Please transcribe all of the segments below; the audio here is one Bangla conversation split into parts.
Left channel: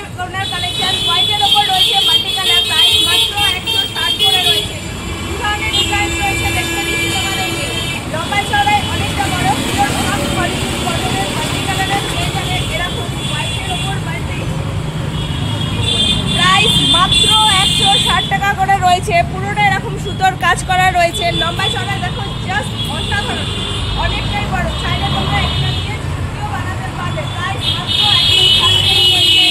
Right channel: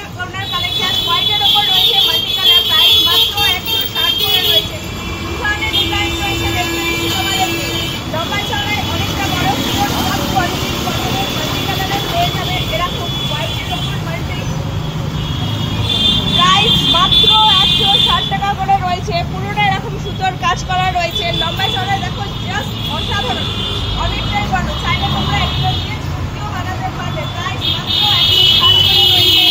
হোয়াইটের কর্নার কালেকশন। হোয়াইটের ওপর রয়েছে মাল্টি কালার, প্রাইস মাত্র 160 করে রয়েছে। ধরনের ডিজাইন রয়েছে, দেখতে বেশি তোমাদের লম্বা চড়ায় অনেকটা বড় কোয়ালিটি কটনের মাল্টি কালারের পেয়ে যাবেন এরকম হোয়াইটের ওপর মাল্টি। প্রাইস মাত্র 160 টাকা করে রয়েছে। পুরোটা এরকম সুতোর কাজ করা রয়েছে। লম্বা চড়া দেখো জাস্ট অসাধারণ, অনেকটাই বড়। চাইলে তোমরা এগুলো দিয়ে ছবিও বানাতে পারবে। প্রাইস মাত্র 160 টাকা রয়েছে।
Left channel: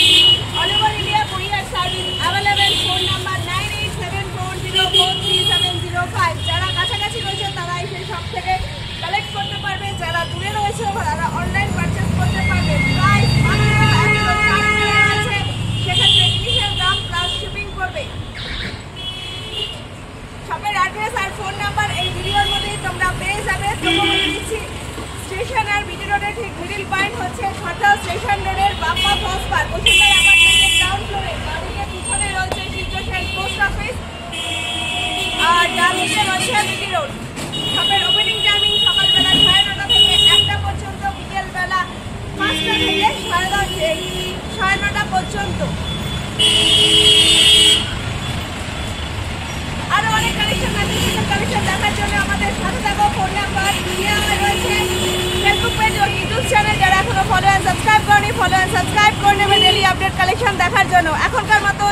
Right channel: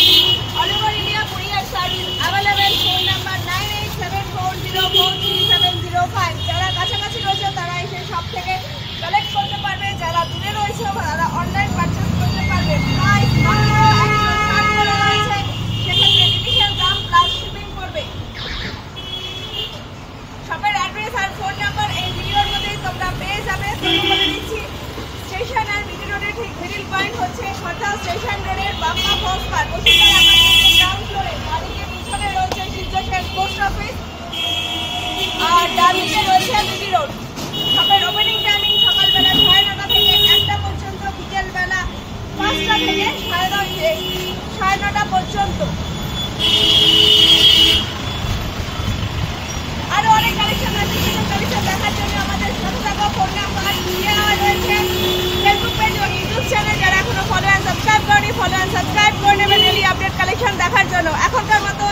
All over India courier service available. Phone number 9874043705। যারা কাছাকাছি রয়েছে তারা এসে সব থেকে কালেক্ট করতে পারবে, যারা দূরে রয়েছে তারা অনলাইন পারচেস করতে পারবে। প্রাইস মাত্র 160 করে রয়েছে, সেক্ষেত্রে জিনিসের দাম প্লাস শিপিং করবে। শপের অ্যাড্রেস আর ফোন নাম্বার এই ভিডিওর মধ্যেই তোমরা পেয়ে যাবে। বলে দিচ্ছি, স্টেশন আর বিটি রোডের ঠিক মিডিল পয়েন্ট হচ্ছে খড়দহ স্টেশন রোডের বাপ্পা ফলস পার্ক। বসুন্ধরা অ্যাপার্টমেন্টের গ্রাউন্ড ফ্লোরে বাড়ির পিছনে রয়েছে শিবজোশের পোস্ট অফিস, আর ডান দিকে রয়েছে বিটি রোড। শপের ওপেনিং টাইমিং সকালবেলা 9:30 থেকে 1টা পর্যন্ত, বিকেলবেলা 5টা থেকে 9:30 পর্যন্ত। আরো অনেক কালেকশন আছে, কালেকশন দেখার জন্য আমাদের সাথে থাকো। ফোন নাম্বার দেওয়া রয়েছে, ফেসবুক পেজ ও ইউটিউব চ্যানেল। যারা এখনো ফলো অ্যান্ড সাবস্ক্রাইব করেনি, ফলো অ্যান্ড সাবস্ক্রাইব করে নেবে ডেইলি আপডেট কালেকশন দেখার জন্য। এখনকার মতো